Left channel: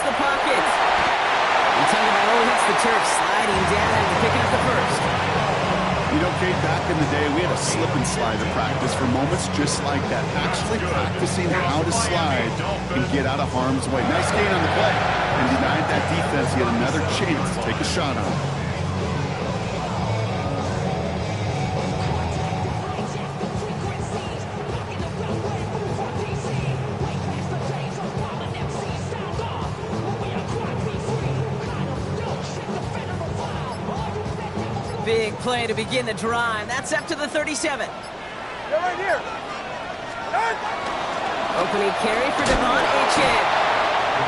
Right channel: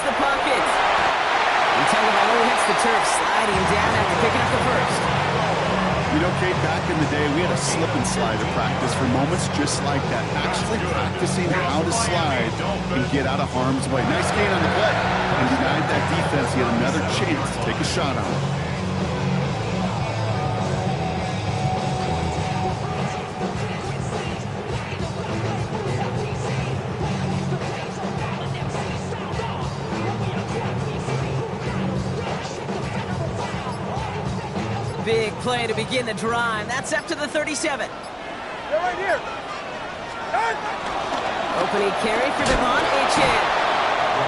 hits the pocket. And Tagovailoa hits the turf, sliding down after picking up the first. You know, Kate, back in the day, we had a slip and slide at practice for moments just like that. Actually practicing how to slide and get out of harm's way. Nice gain on the play. And denied that defense yet another chance to take a shot on him. Big play to begin the drive. That's up to the 37. They're right here. Opening carry for Devon Achane.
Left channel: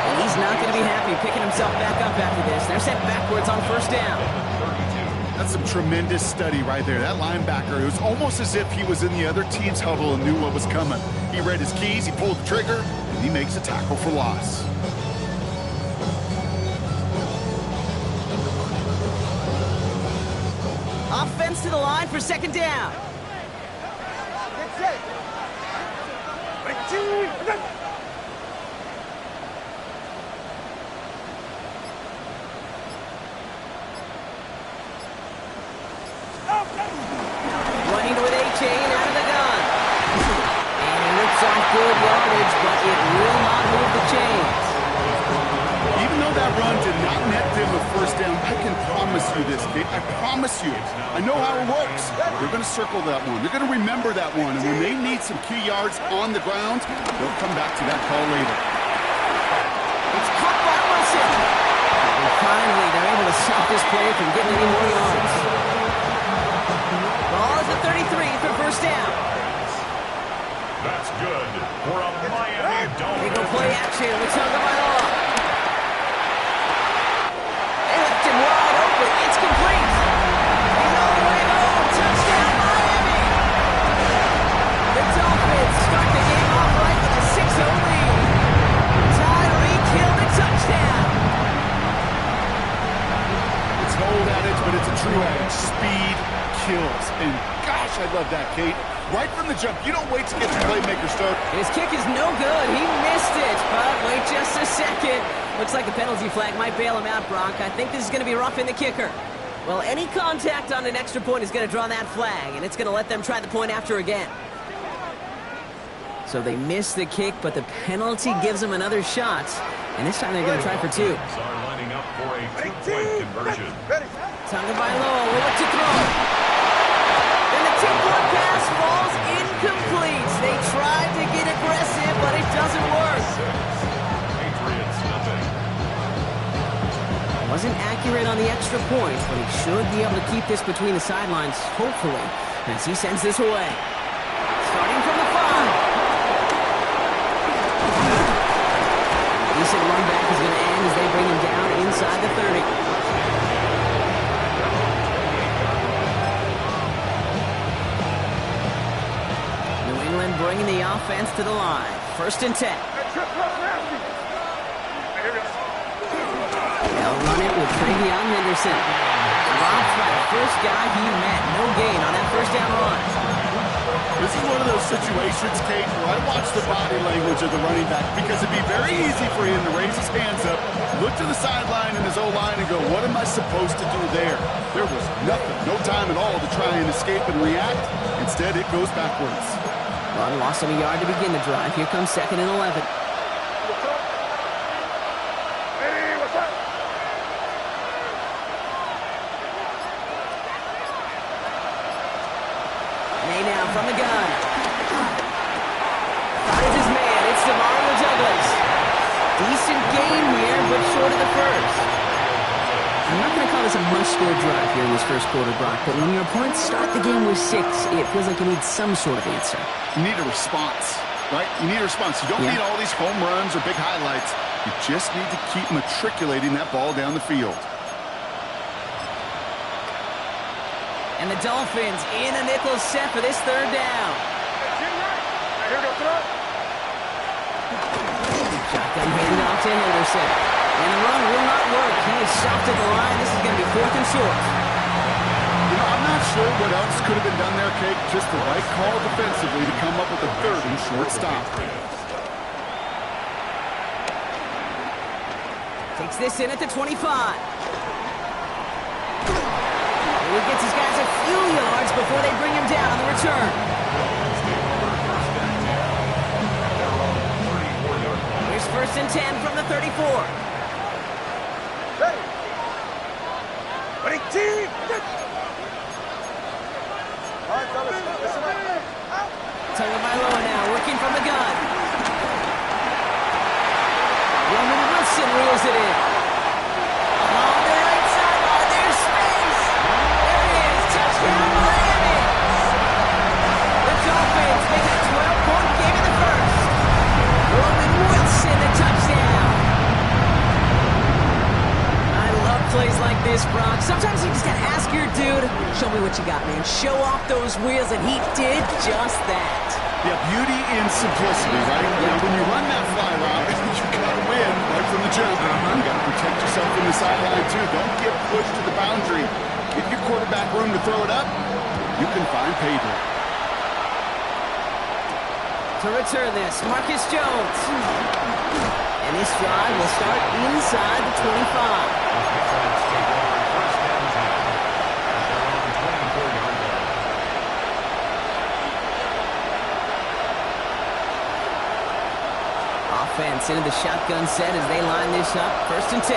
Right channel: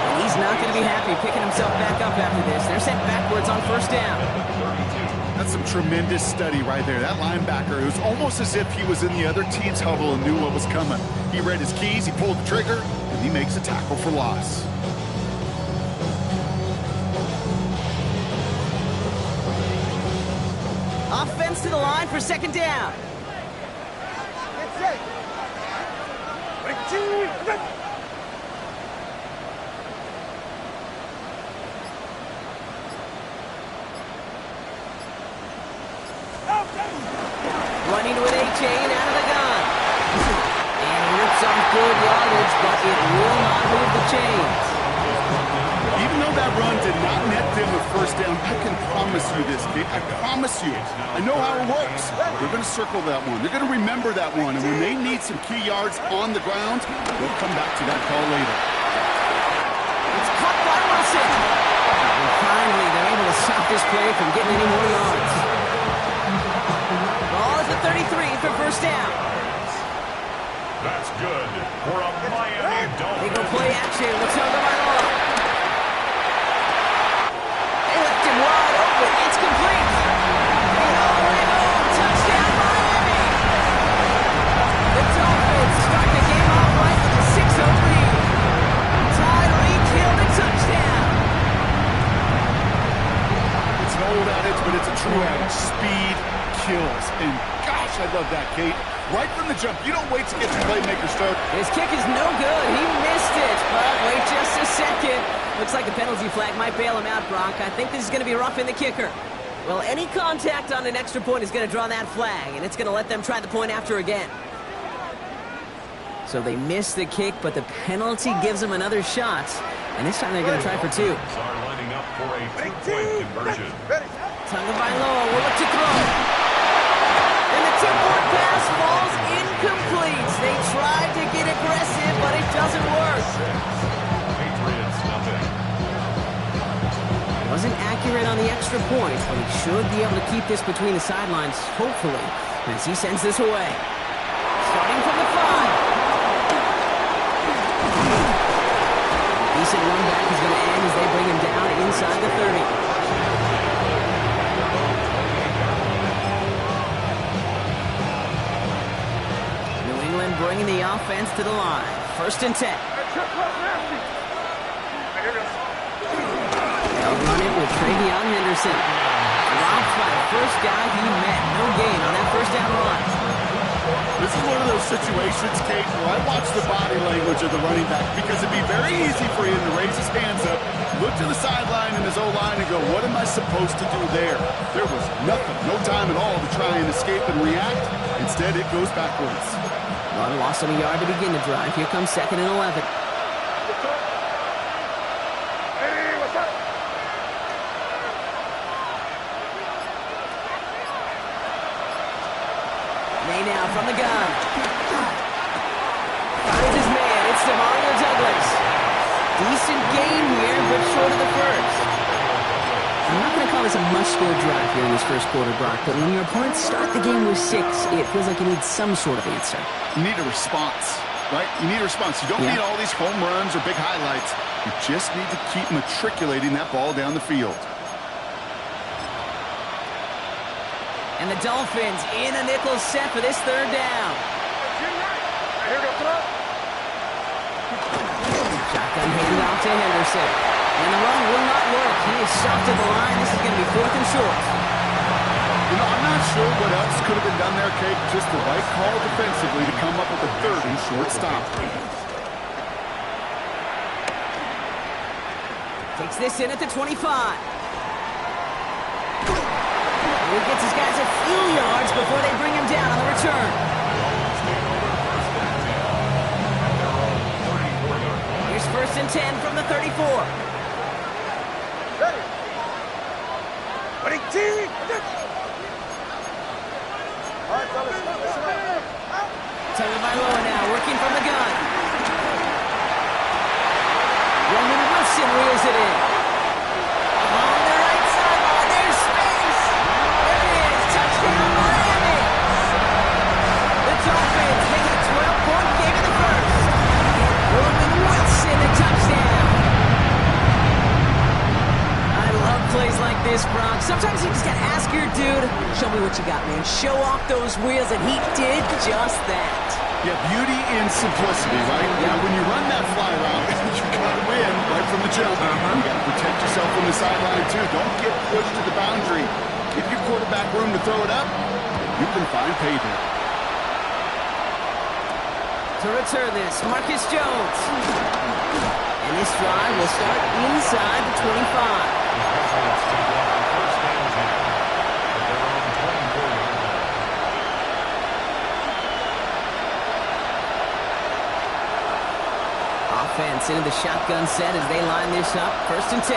And he's not going to be happy picking himself back up after this. They're sent backwards on first down. That's some tremendous study right there. That linebacker, it was almost as if he was in the other team's huddle and knew what was coming. He read his keys, he pulled the trigger, and he makes a tackle for loss. Offense to the line for second down. Get set. Running with Achane out of the gun. And he rips off good yardage, but it will not move the chains. Even though that run did not net them a first down, I can promise you this, Kate. I promise you. I know how it works. They're going to circle that one. They're going to remember that one. And when they need some key yards on the ground, they'll come back to that call later. It's caught by Wilson. And finally, they're able to stop this play from getting any more yards. Ball is at 33 for first down. That's good for a Miami Dolphins. They go play action with Tagovailoa. They left him wide open. It's complete. He's all the way home. Touchdown, Miami. The Dolphins start the game off right with a 6-0 lead. Tyreek Hill the touchdown. It's an old adage, but it's a true adage. Speed kills. And gosh, I love that, Kate. Right from the jump. You don't wait to get the playmaker start. His kick is no good. He missed it. But wait just a second. Looks like a penalty flag might bail him out, Brock. I think this is going to be roughing the kicker. Well, any contact on an extra point is going to draw that flag, and it's going to let them try the point after again. So they miss the kick, but the penalty gives them another shot. And this time they're going to try for two. Are lining up for a two-point conversion. Tagovailoa will look to throw. And the two-point pass falls incomplete. They tried to get aggressive, but it doesn't work. Patriots nothing. Wasn't accurate on the extra point, but he should be able to keep this between the sidelines, hopefully, as he sends this away. Starting from the 5. Decent run back is going to end as they bring him down inside the 30. New England bringing the offense to the line. First and 10. They'll run it with Travion Henderson. Dropped by the first guy he met. No gain on that first down run. This is one of those situations, Kate, where I watch the body language of the running back because it'd be very easy for him to raise his hands up, look to the sideline in his O-line and go, what am I supposed to do there? There was nothing, no time at all to try and escape and react. Instead, it goes backwards. Well, loss of a yard to begin the drive. Here comes 2nd and 11. May now from the gun. Finds his man. It's Demario Douglas. Decent gain here, but short of the first. I'm not going to call this a must-score drive here in this first quarter, Brock, but when your opponents start the game with 6, it feels like you need some sort of answer. You need a response, right? You need a response. You don't need all these home runs or big highlights. You just need to keep matriculating that ball down the field. And the Dolphins in a nickel set for this third down. Shotgun handoff to Henderson. And the run will not work. He is stopped at the line. This is going to be 4th and short. You know, I'm not sure what else could have been done there, Kate. Just the right call defensively to come up with a 3rd and short stop. Takes this in at the 25. He gets his guys a few yards before they bring him down on the return. Here's 1st and 10 from the 34. Ready. Ready, team. All right, fellas, listen up. Tagovailoa now working from the gun. Roman Wilson reels it in. On the right sideline, there's space. There it is. Touchdown, Miami. The Dolphins make it a 12-point game in the first. Roman Wilson, the touchdown. I love plays like this, Brock. Sometimes you just got to ask your dude, show me what you got, man. Show off those wheels, and he did just that. Yeah, beauty in simplicity, right? Yep. Now, when you run that fly route, you got to win right from the jump. You got to protect yourself from the sideline, too. Don't get pushed to the boundary. Give your quarterback room to throw it up. You can find pay dirt. To return this, Marcus Jones. And this drive will start inside the 25. Patriots take over 1st and 10 at their own 24-yard line. Offense into the shotgun set as they line this up. 1st and 10.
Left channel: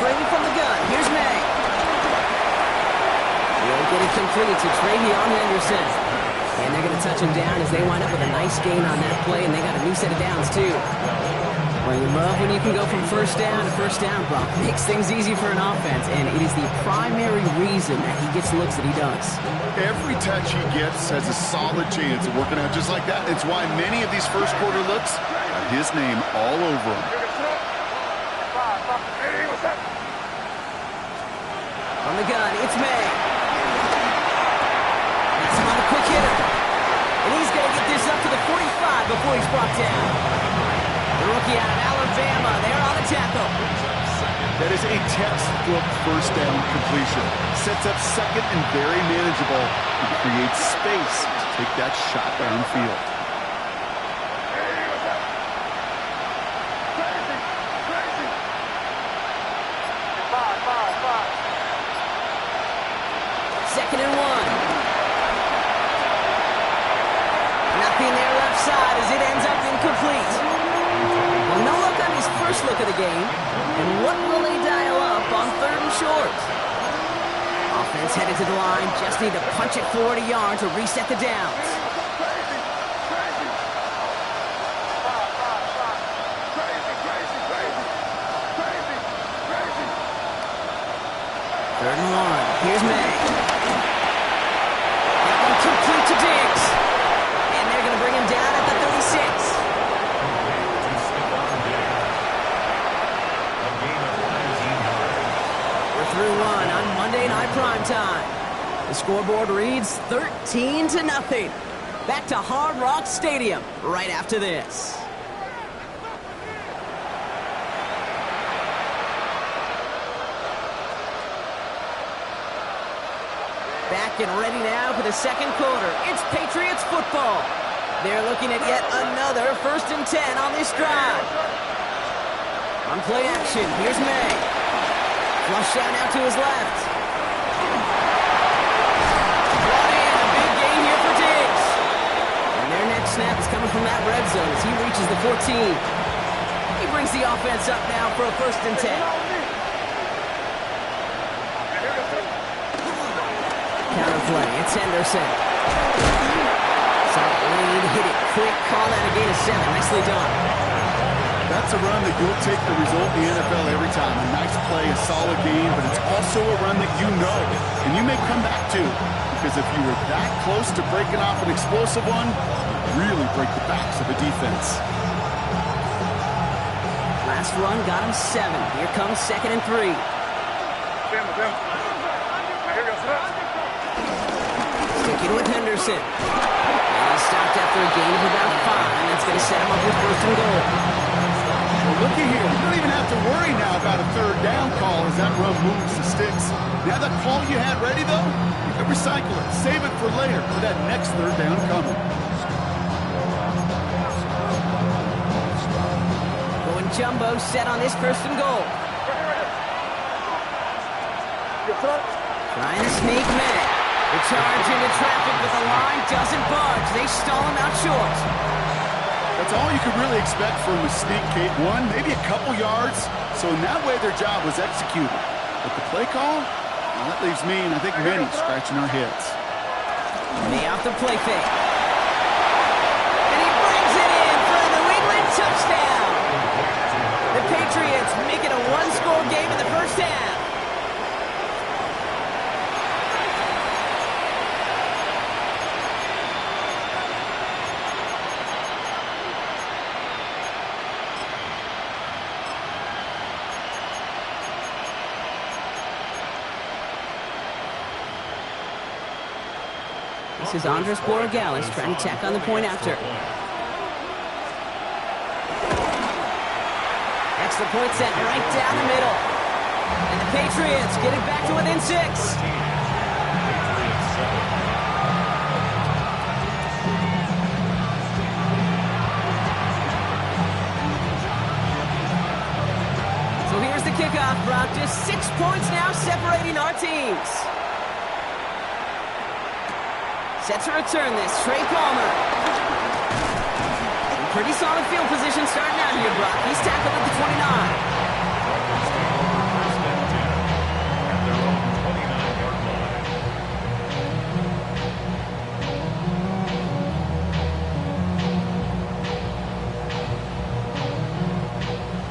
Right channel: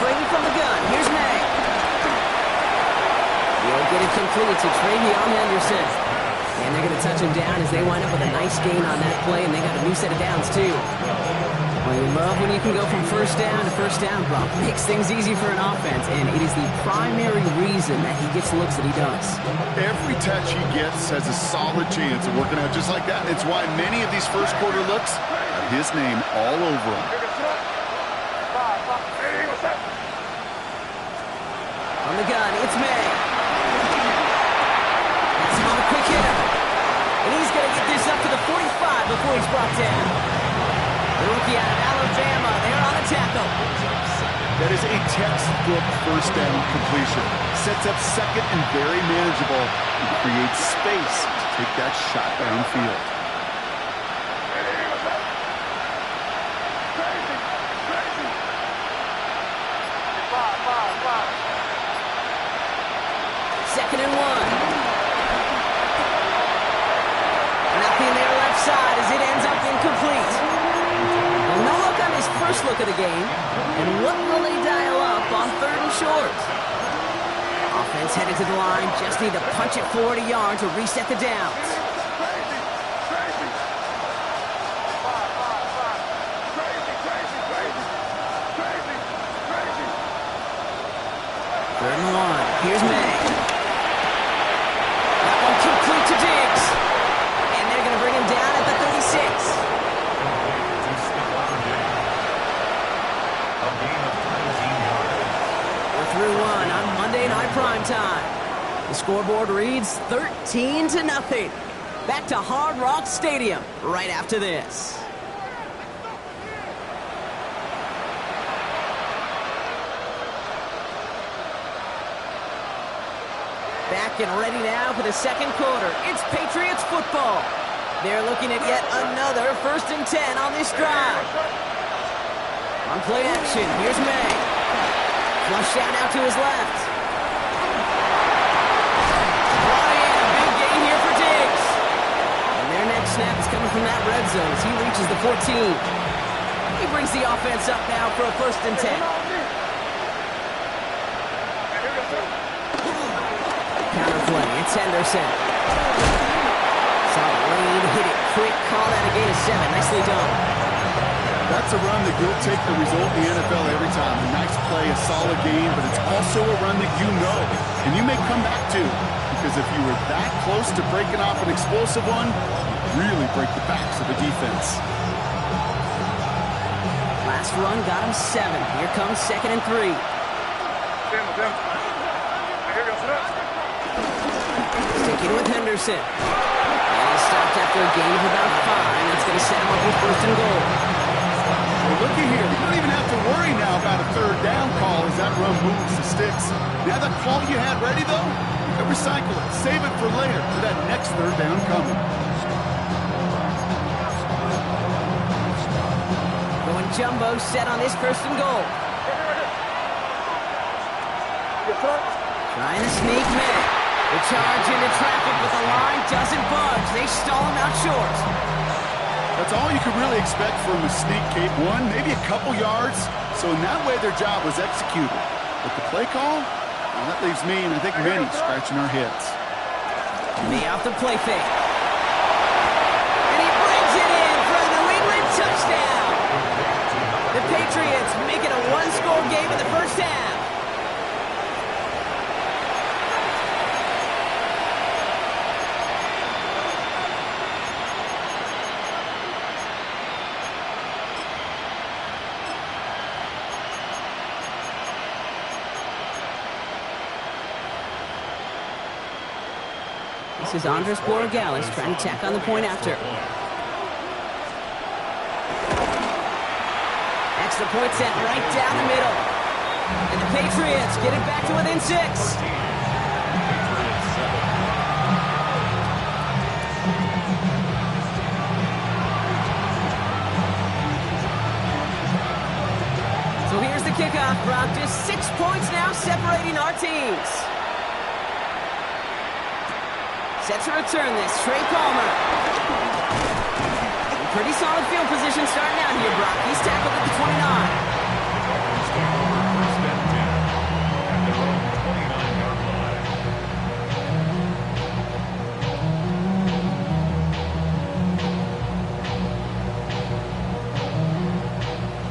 Brady from the gun. Here's May. He'll get it complete to Travion Henderson. And they're going to touch him down as they wind up with a nice gain on that play, and they got a new set of downs, too. Well, you love when you can go from 1st down to 1st down, Brock. Makes things easy for an offense, and it is the primary reason that he gets looks that he does. Every touch he gets has a solid chance of working out just like that. It's why many of these first quarter looks have his name all over them. On the gun, it's May. That's him on the quick hitter. And he's going to get this up to the 45 before he's brought down. The rookie out of Alabama, there on the tackle. That is a textbook 1st down completion. Sets up 2nd and very manageable and creates space to take that shot downfield. Second and 1. Nothing there left side as it ends up incomplete. Well, no look on his first look of the game. And what will they dial up on 3rd and short? Offense headed to the line. Just need to punch it 40 yards to reset the downs. Third and 1. Here's May. That one complete to Diggs. And they're going to bring him down at the 36. To Stephon Diggs. A gain of 19 yards. We're through 1 on Monday Night Primetime. The scoreboard reads 13-0. Back to Hard Rock Stadium right after this. Back and ready now for the second quarter. It's Patriots football. They're looking at yet another 1st and 10 on this drive. On play action, here's May. Flush out now to his left. Brought in, a big gain here for Diggs. And their next snap is coming from that red zone as he reaches the 14. He brings the offense up now for a 1st and 10. Counterplay, it's Henderson. Saw the lane, hit it quick, call that a gain of 7. Nicely done. That's a run that you'll take the result in the NFL every time. A nice play, a solid game, but it's also a run that you know, and you may come back to, because if you were that close to breaking off an explosive one, you really break the backs of a defense. Last run got him 7. Here comes 2nd and 3. Sticking with Henderson. And he's stopped after a gain of about 5. That's going to set him up with 1st and goal. Well, looky here. You don't even have to worry now about a third down call as that run moves the sticks. Now that call you had ready, though, you can recycle it. Save it for later for that next third down coming. Going jumbo set on this first and goal. Trying to sneak May. The charge into traffic, but the line doesn't budge. They stall him out short. That's all you could really expect from a sneak, Kate. One, maybe a couple yards. So in that way, their job was executed. But the play call, well, that leaves me and I think many scratching our heads. May off the play fake. And he brings it in for a New England touchdown. The Patriots make it a one-score game in the first half. This is Andres Borregales trying to tack on the point after. Extra point set right down the middle. And the Patriots get it back to within 6. So here's the kickoff, Brock. Just 6 points now separating our teams. Set to return this, Trey Palmer. In pretty solid field position starting out here, Brock. He's tackled at the 29. Dolphins take over first and 10 at their own 29-yard line.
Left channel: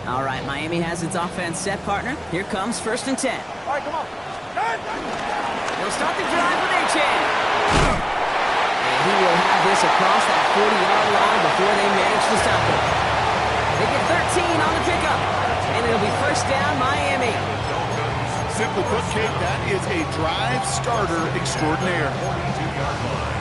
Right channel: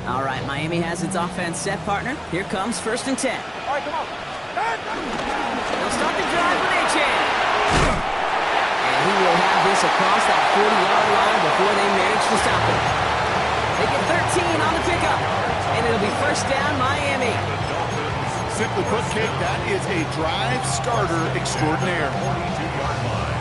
All right, Miami has its offense set, partner. Here comes first and 10. All right, come on. They'll start the drive with Achane. And he will have this across that 40-yard line before they manage to stop it. They get 13 on the pickup, and it'll be first down, Miami. Simply put, Kate, that is a drive starter extraordinaire. 42-yard line.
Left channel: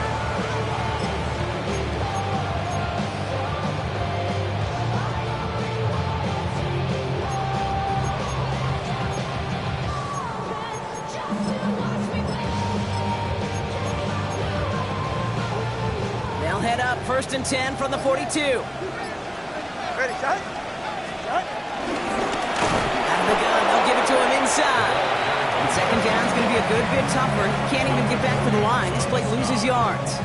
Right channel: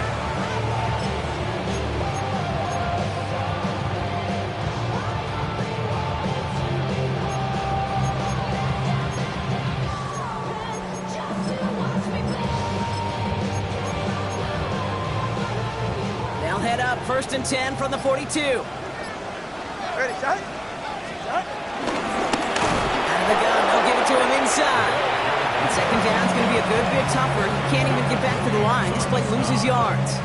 They'll head up first and 10 from the 42. Ready, shot? Shot? Out of the gun, they'll give it to him inside. And second down's going to be a good bit tougher. He can't even get back to the line. This play loses yards.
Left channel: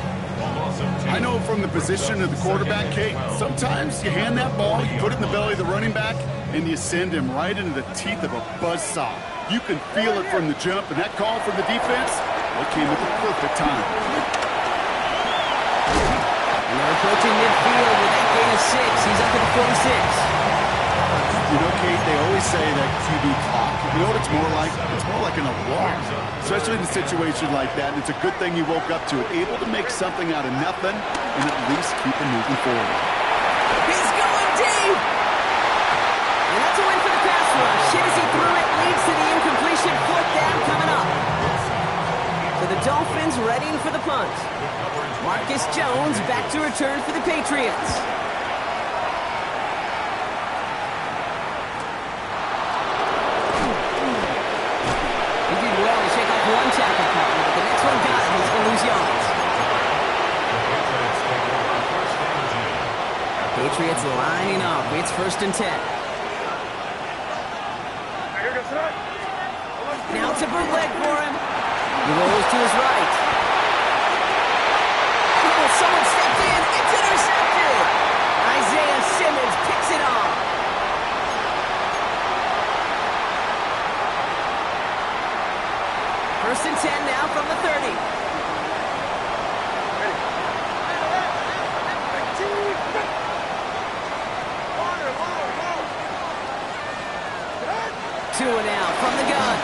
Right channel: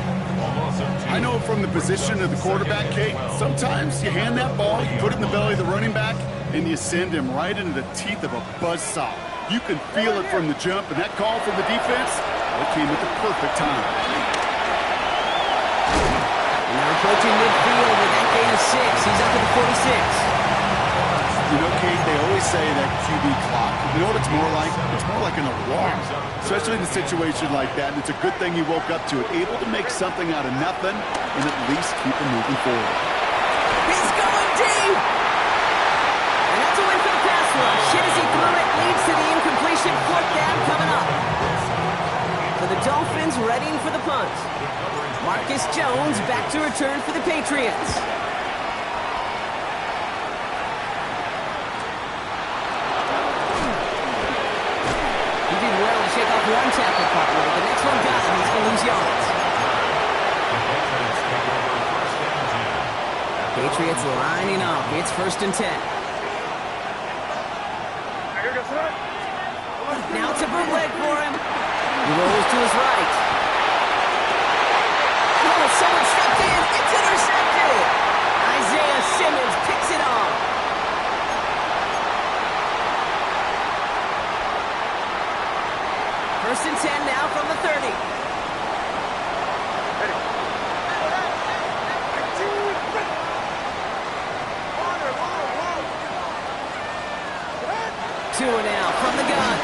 I know from the position of the quarterback, Kate, sometimes you hand that ball, you put it in the belly of the running back, and you send him right into the teeth of a buzzsaw. You can feel it from the jump, and that call from the defense, well, it came at the perfect time. And they're approaching midfield with that gain of 6. He's up to the 46. You know, Kate, they always say that QB clock. You know what it's more like? It's more like an alarm, especially in a situation like that. And it's a good thing you woke up to it, able to make something out of nothing and at least keep it moving forward. He's going deep! And that's a win for the pass rush. Hit as he threw it, leads to the incompletion. Fourth down coming up. So the Dolphins readying for the punt. Marcus Jones back to return for the Patriots. He did well to shake off one tackle partner, but the next one got him. He's going to lose yards. The Patriots take over first and 10. Patriots lining up. It's first and 10. Now it's a bootleg for him. He rolls to his right. Oh, someone stepped in. It's intercepted. Isaiah Simmons picks it off. First and 10 now from the 30. Ready. Water, low. Two and out from the gun.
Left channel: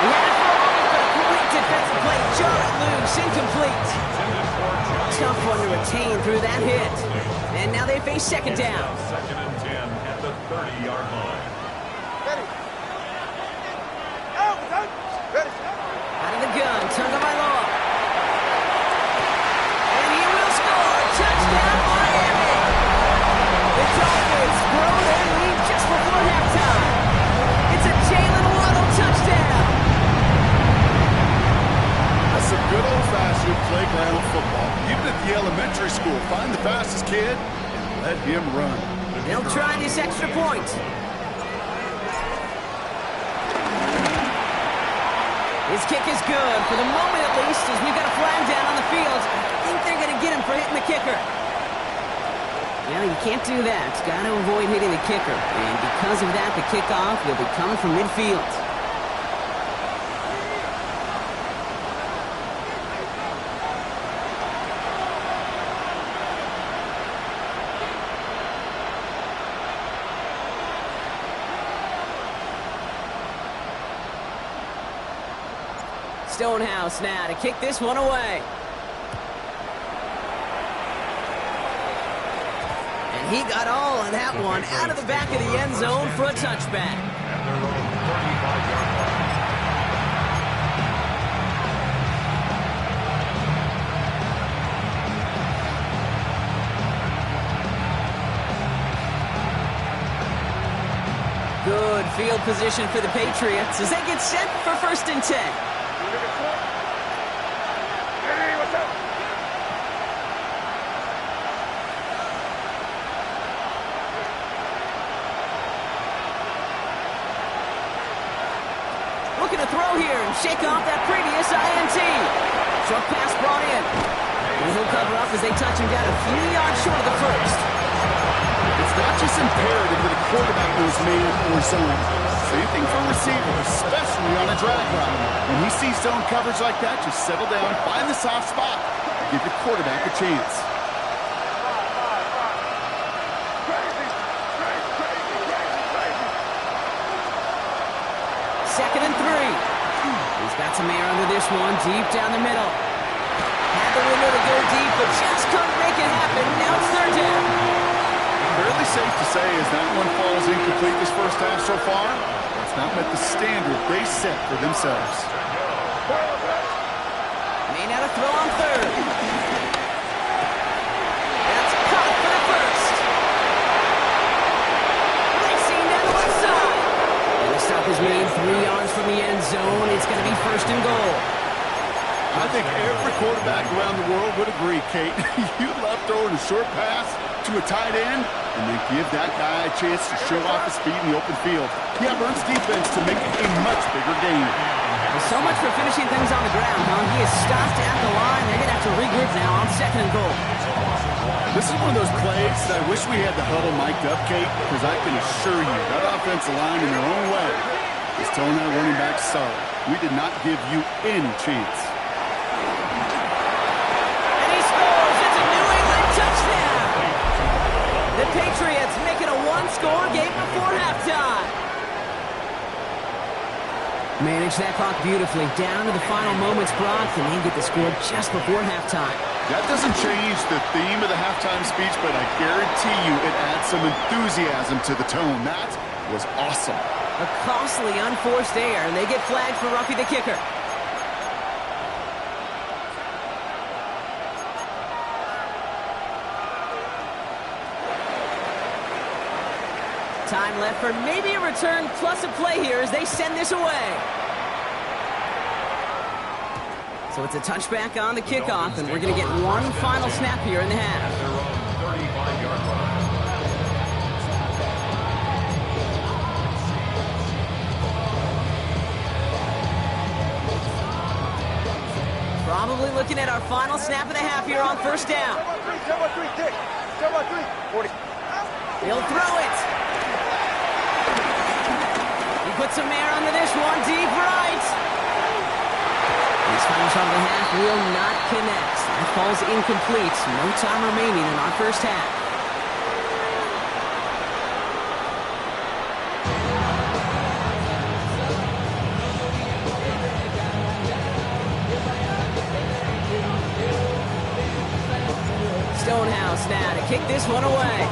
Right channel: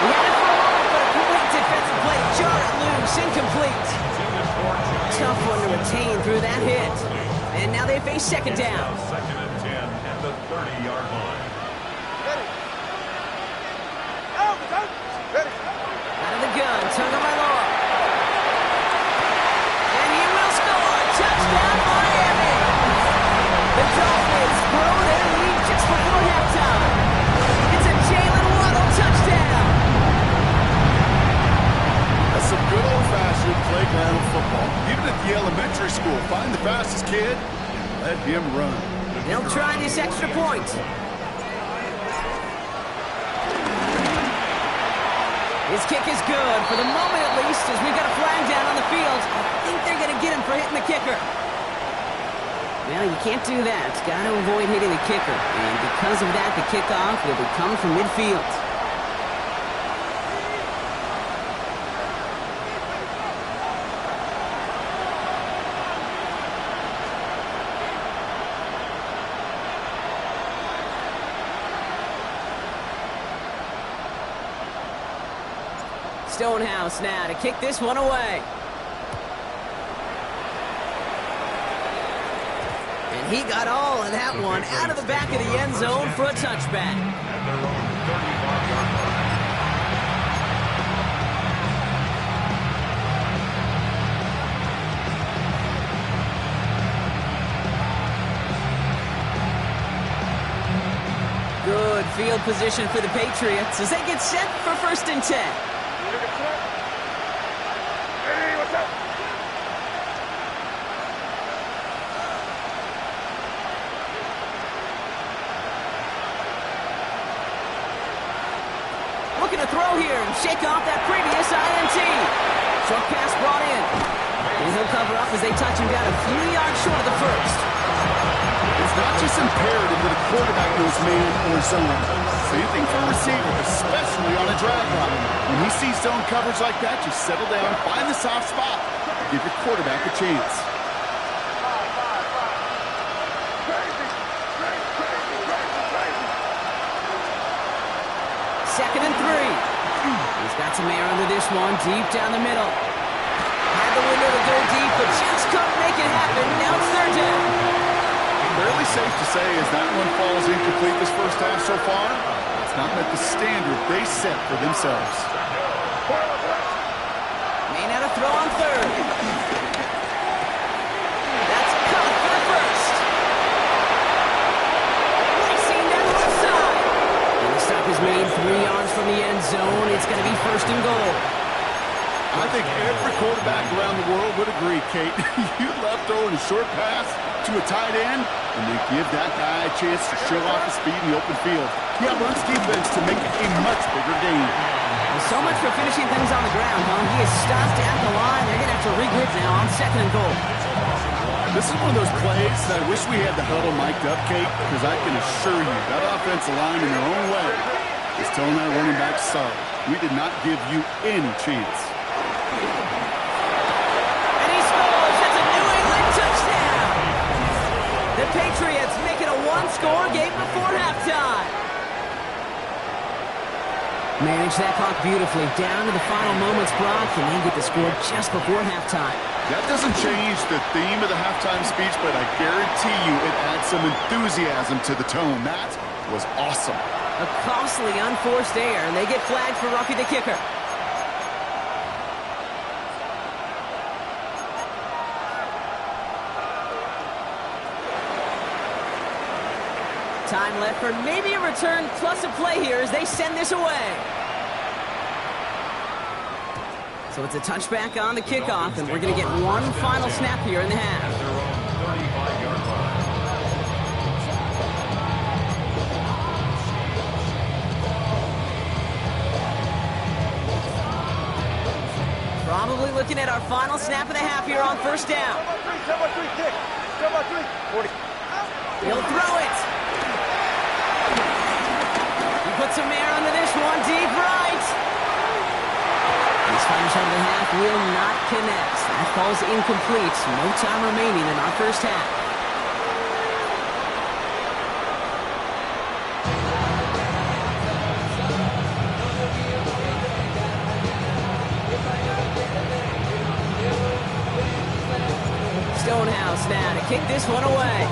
He had it for a moment, but a great defensive play. Jar it loose, incomplete. Tough one to retain through that hit. And now they face second down. Second and 10 at the 30-yard line. Ready. Out. Ready. Out of the gun, Tagovailoa. And he will score. Touchdown, Miami. old-fashioned playground football. Even at the elementary school, find the fastest kid and let him run. They'll try this extra point. His kick is good, for the moment at least, as we've got a flag down on the field. I think they're going to get him for hitting the kicker. Well, you can't do that. Got to avoid hitting the kicker. And because of that, the kickoff will be coming from midfield. Stonehouse now to kick this one away. And he got all of that one out of the back of the end zone for a touchback. At their own 35-yard line. Good field position for the Patriots as they get set for 1st and 10. Hey, what's up? Looking to throw here and shake off that previous INT. Short pass brought in. And he'll cover up as they touch him down a few yards short of the first. It's not just imperative that a quarterback knows man or zone. Same thing for a receiver, especially on a drag route. When he sees zone coverage like that, just settle down, find the soft spot, give your quarterback a chance. Crazy, crazy, crazy, crazy, crazy. 2nd and 3. He's got some air under this one, deep down the middle. Had the window to go deep, but just couldn't make it happen. Now it's 3rd down. Fairly safe to say as that one falls incomplete this first half so far, it's not met the standard they set for themselves. May not have throw on 3rd. That's caught for the first. Racing down the left side. And the stop is made 3 yards from the end zone. It's going to be 1st and goal. I think every quarterback around the world would agree, Kate. You love throwing a short pass to a tight end and then give that guy a chance to show off his speed in the open field. Yeah, runs defense to make it a much bigger game. Well, so much for finishing things on the ground, huh? He is stopped at the line. They're going to have to regroup now on 2nd and goal. This is one of those plays that I wish we had the huddle mic'd up, Kate, because I can assure you that offensive line in their own way is telling that running back, sorry, we did not give you any chance. And he scores. It's a New England touchdown. The Patriots make it a one-score game before halftime. Manage that clock beautifully. Down to the final moments, Brock, and they get the score just before halftime. That doesn't change the theme of the halftime speech, but I guarantee you it adds some enthusiasm to the tone. That was awesome. A costly unforced error, and they get flagged for roughing the kicker. Time left for maybe a return plus a play here as they send this away. So it's a touchback on the kickoff, and we're going to get one final snap here in the half. At their own 35-yard line. Probably looking at our final snap of the half here on 1st down. 7-3, kick. 7-3, 40. He'll throw it. He puts some air under this one, deep right. This final shot of the half will not connect. That falls incomplete. No time remaining in our first half. Stonehouse now to kick this one away.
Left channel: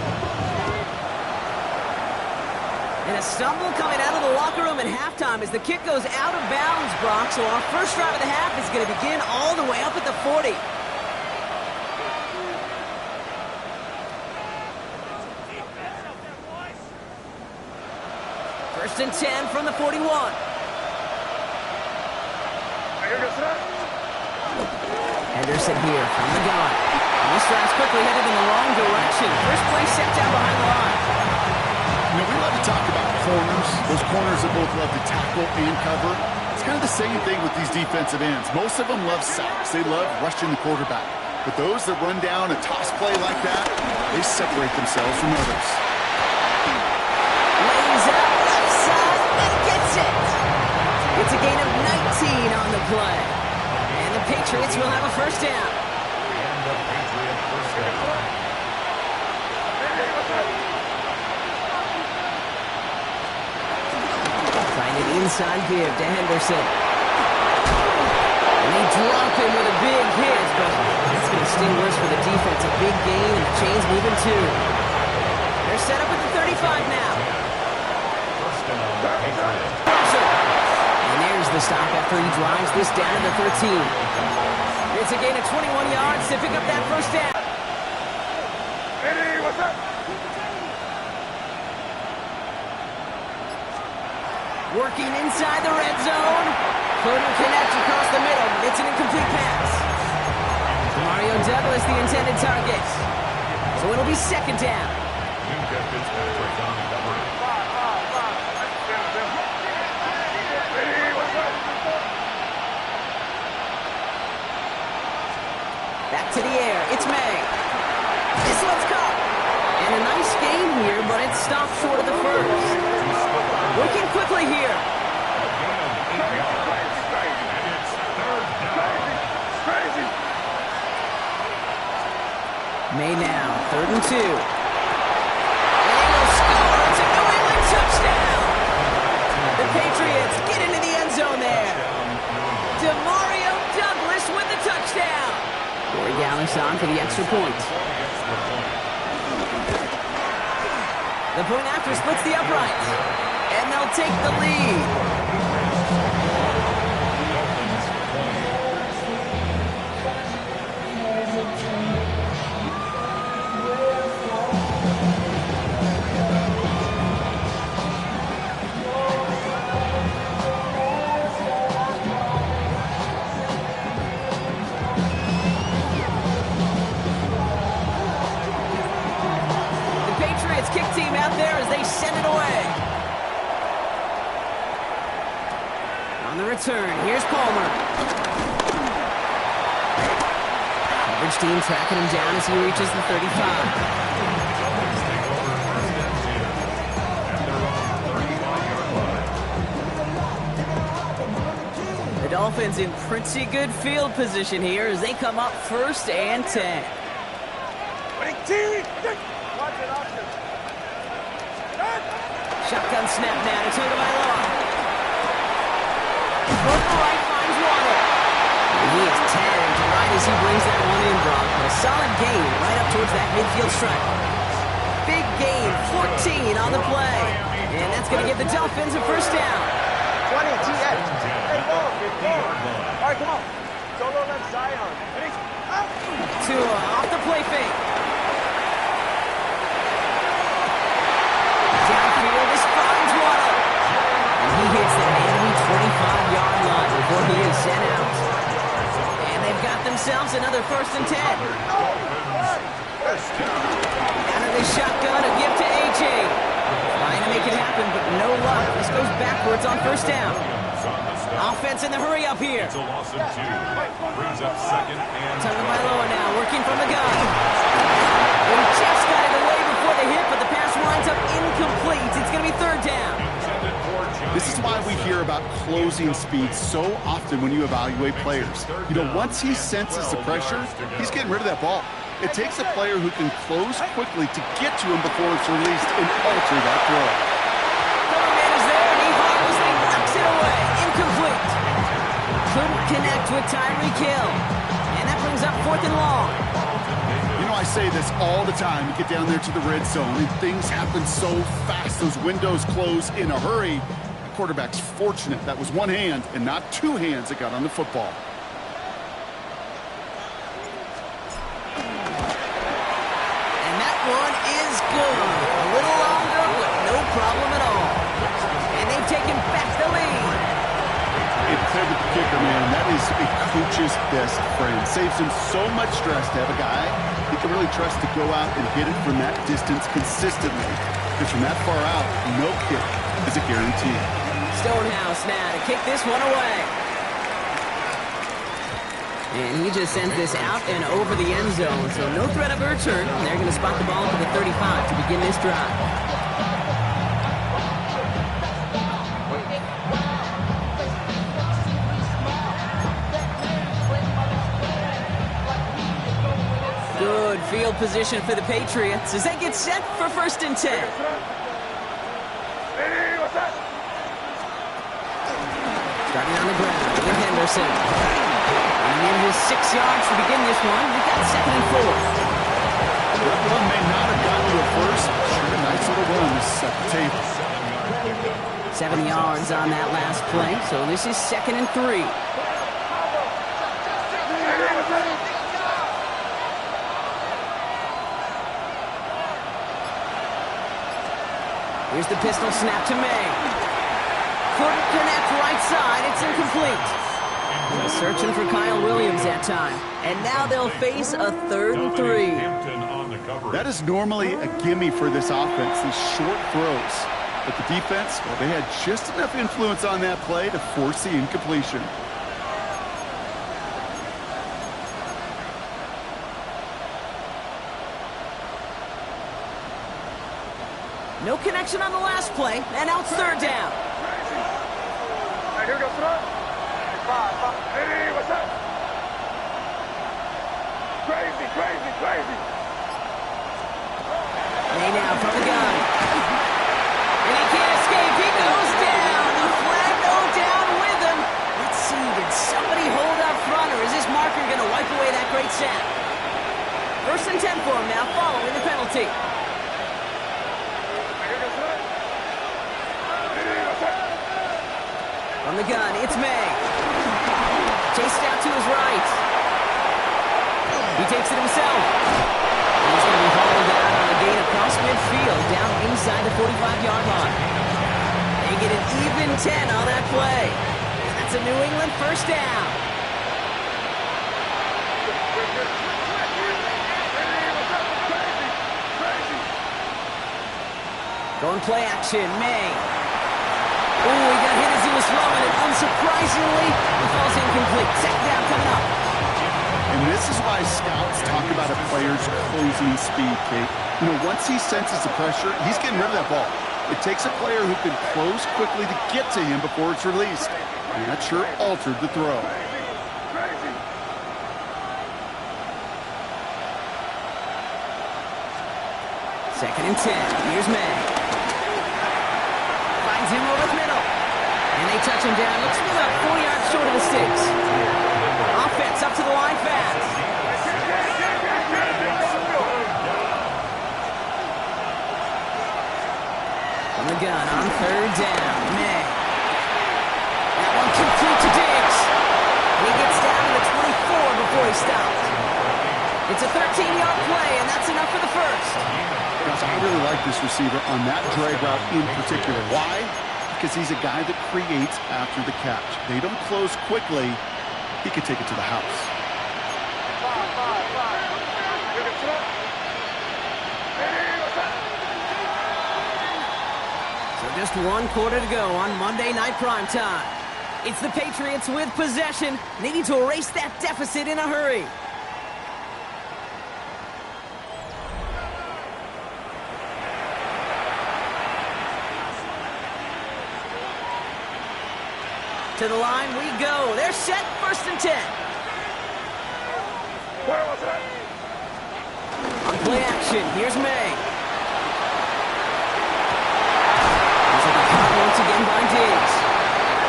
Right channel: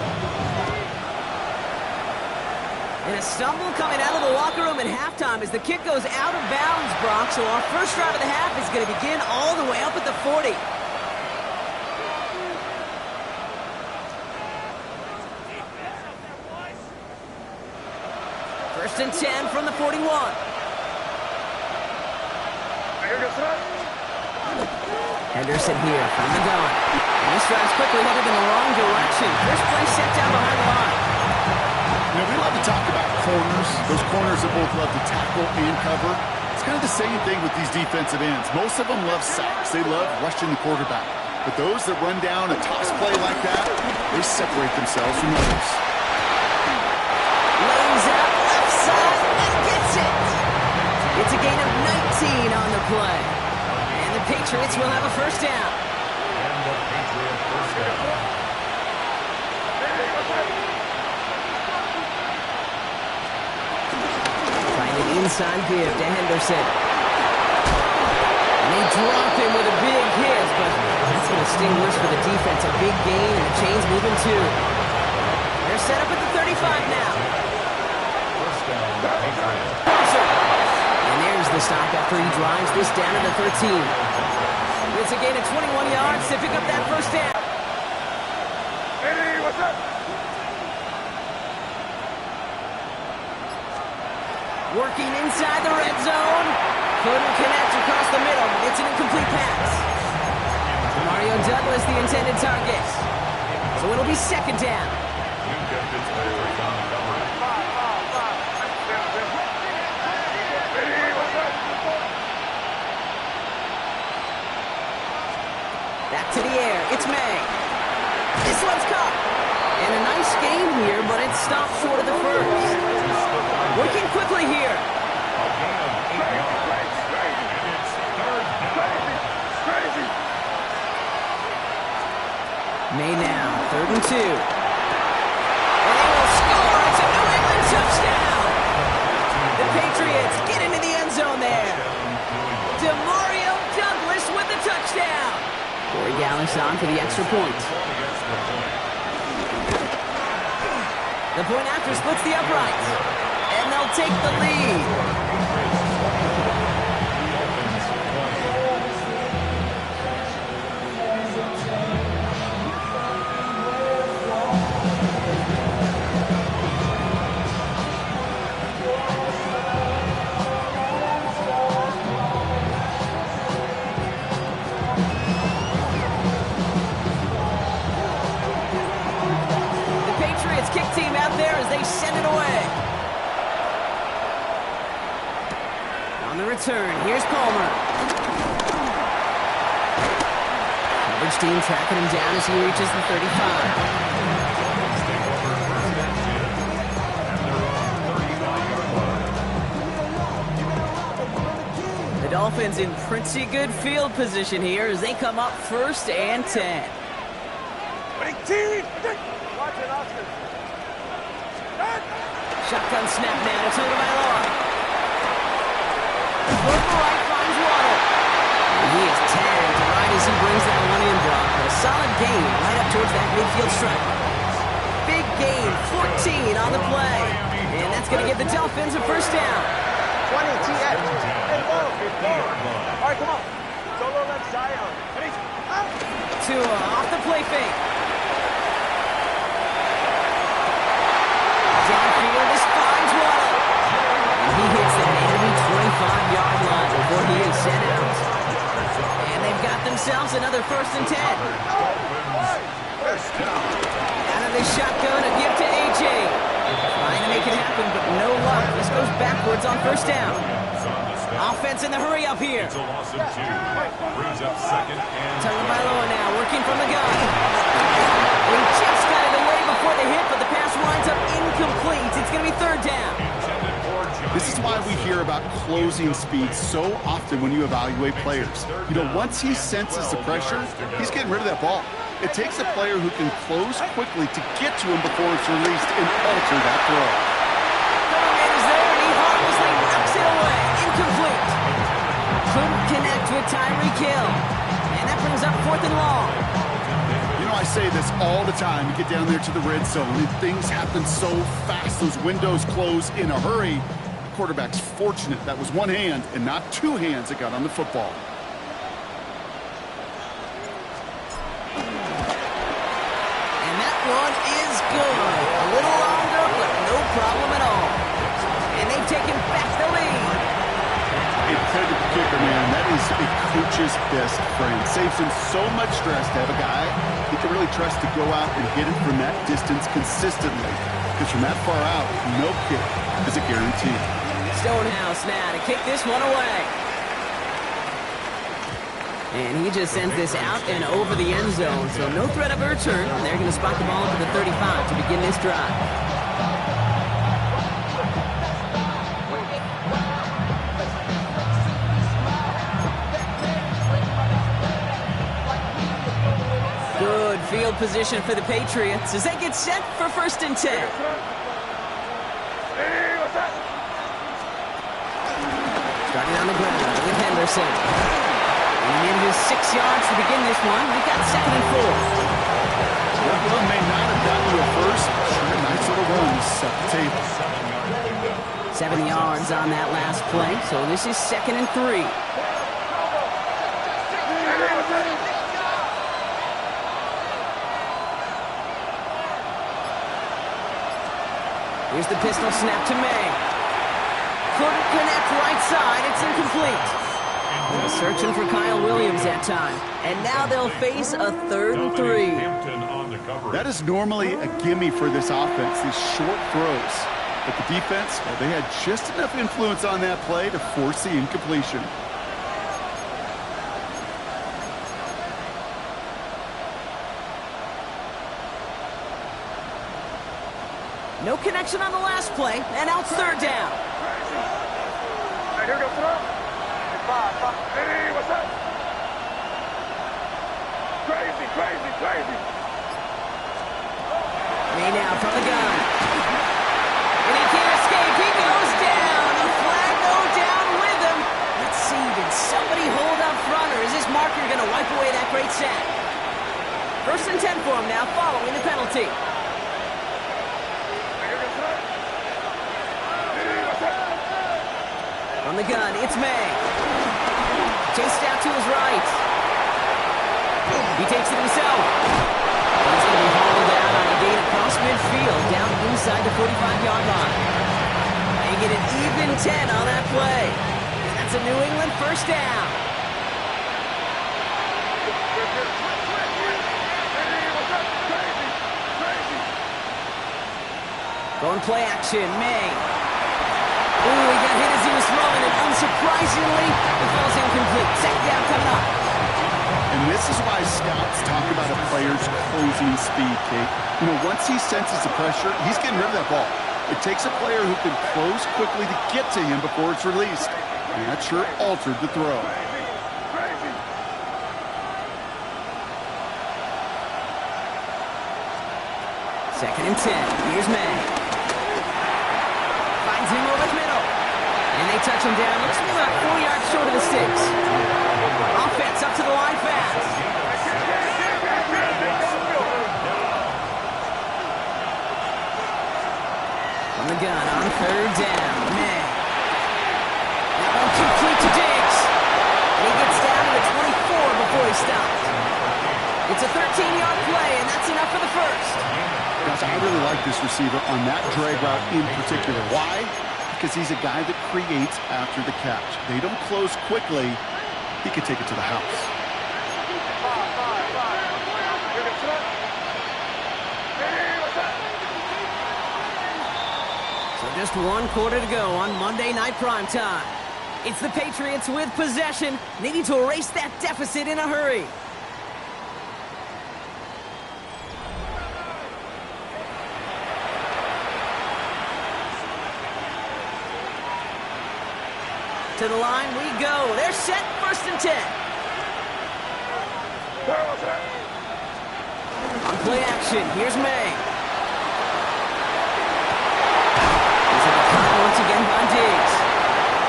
And a stumble coming out of the locker room at halftime as the kick goes out of bounds, Brock. So our first drive of the half is going to begin all the way up at the 40. First and 10 from the 41. Henderson here from the gun. And this drive's quickly headed in the wrong direction. First play set down behind the line. You know, we love to talk about corners, those corners that both love to tackle and cover. It's kind of the same thing with these defensive ends. Most of them love sacks. They love rushing the quarterback. But those that run down a toss play like that, they separate themselves from others. Lays out left side and gets it. It's a gain of 19 on the play. And the Patriots will have a first down. And the Patriot first down. Find an inside give to Henderson. And they drop him with a big hit, but it's going to sting worse for the defense. A big gain, and the chain's moving too. They're set up at the 35 now. First down, Patriot. Crosser. And there's the stop after he drives this down to the 13. It's a gain of 21 yards to pick up that first down. Eddie, what's up? Working inside the red zone. Couldn't connect across the middle. It's an incomplete pass. Mario Douglas, the intended target. So it'll be second down. Minka Fitzpatrick on the cover. Eddie, what's up? Back to the air. It's May. This one's caught. And a nice game here, but it stopped short of the first. Working quickly here. A gain of 8 yards. And it's third down. Crazy. May now, 3rd and 2. And they will score. It's a New England touchdown. The Patriots get into the end zone there. DeMario Douglas with the touchdown. Corey Gallis on for the extra point. The point after splits the uprights. And they'll take the lead. Dolphins 20. Kick team out there as they send it away. On the return, here's Palmer. Coverage team tracking him down as he reaches the 35. Dolphins take over first and 10 at their own 35-yard line. The Dolphins in pretty good field position here as they come up first and 10. Watch it, Oscar. Shotgun snap now to Tagovailoa. Purple right finds Waddle. And he is tagged right as he brings that one in, Brock. A solid gain right up towards that midfield stripe. Big gain, 14 on the play. And that's going to give the Dolphins a first down. 20, TX. Hey, ball. All right, come on. Solo left Zion. Ready? Up. Tua off the play fake. Downfield, this finds Waddle. And he hits that enemy 25-yard line before he is sent out. And they've got themselves another first and 10. Out of the shotgun, a gift to A.J. Trying to make it happen, but no luck. This goes backwards on first down. Offense in the hurry up here. It's a loss of 2. Brings up second and Tagovailoa now working from the gun. They just got it away before the hit, but the pass winds up incomplete. It's going to be third down. This is why we hear about closing speed so often when you evaluate players. You know, once he senses the pressure, he's getting rid of that ball. It takes a player who can close quickly to get to him before it's released and alter that throw. Coverman is there, and he harmlessly knocks it away. Incomplete. Couldn't connect with Tyreek Hill. And that brings up 4th and long. You know, I say this all the time. You get down there to the red zone, and things happen so fast. Those windows close in a hurry. The quarterback's fortunate. That was one hand and not two hands that got on the football. And that one is good. A little longer, but no problem at all. And they've taken back the lead. a pivot kicker, man. That is a coach's best friend. Saves him so much stress to have a guy he can really trust to go out and hit it from that distance consistently. Because from that far out, no kick is a guarantee. Stonehouse now to kick this one away. And he just sends this out and over the end zone, so no threat of a return. And they're going to spot the ball up to the 35 to begin this drive. Good field position for the Patriots as they get set for 1st and 10. Starting on the ground with Henderson. And in just 6 yards to begin this one. We've got 2nd and 4. That run may not have gotten to a first. Sure, a nice little run to set the table. 7 yards on that last play, so this is 2nd and 3. Here's the pistol snap to May. Couldn't connect right side. It's incomplete. Searching for Kyle Williams that time. And now they'll face a 3rd and 3. That is normally a gimme for this offense, these short throws. But the defense, well, they had just enough influence on that play to force the incompletion. No connection on the last play, and now it's 3rd down. Here goes Trump. Hey, what's up? Crazy. May now from the gun. And he can't escape. He goes down. A flag no down with him. Let's see, did somebody hold up front, or is this marker going to wipe away that great sack? 1st and 10 for him now, following the penalty. From the gun, it's May. Chased out to his right. He takes it himself. He's going to be hauled out on a gain across midfield, down inside the 45-yard line. They get an even 10 on that play. And that's a New England 1st down. Going play action, May. Ooh, he got hit as he was throwing it. Unsurprisingly, it falls incomplete. 2nd down coming up. And this is why scouts talk about a player's closing speed, Kate. You know, once he senses the pressure, he's getting rid of that ball. It takes a player who can close quickly to get to him before it's released. And that sure altered the throw. Second and 10. Here's May. Finds him over the middle. And they touch him down. Looks to be about 4 yards short of the sticks. Offense up to the line fast. From the gun on 3rd down. May. That one complete to Diggs. And he gets down to the 24 before he stops. It's a 13-yard play, and that's enough for the first. Gosh, I really like this receiver on that drag route in particular. Why? Because he's a guy that creates after the catch. They don't close quickly. He could take it to the house. So just 1 quarter to go on Monday Night Primetime. It's the Patriots with possession, needing to erase that deficit in a hurry. To the line we go. They're set, 1st and 10. On play action, here's May. He's at the cut once again by Diggs.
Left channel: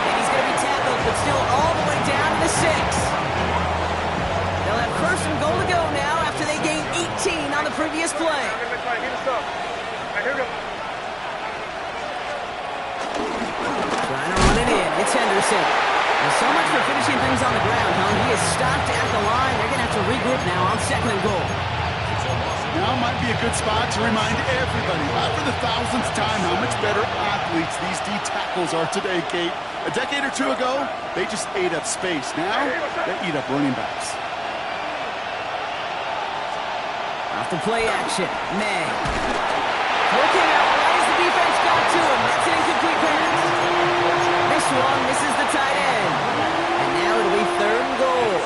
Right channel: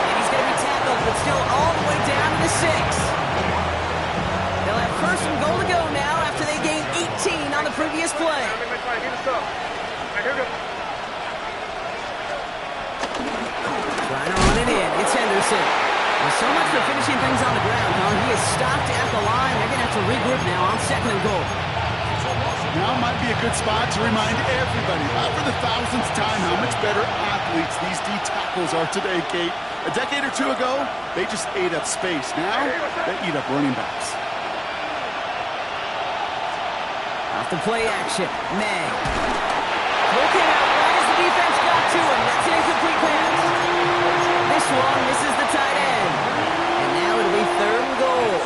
And he's going to be tackled, but still all the way down to the 6. They'll have 1st and goal to go now after they gained 18 on the previous play. Trying to run it in. It's Henderson. Well, so much for finishing things on the ground, huh? He is stopped at the line. They're going to have to regroup now on 2nd and goal. Now might be a good spot to remind everybody, not for the thousandth time, how much better athletes these D tackles are today, Kate. A decade or two ago, they just ate up space. Now, they eat up running backs. Off the play action, May. Throw came out right as the defense got to him. That's an incomplete pass. This one misses the tight end. And now it'll be 3rd and goal.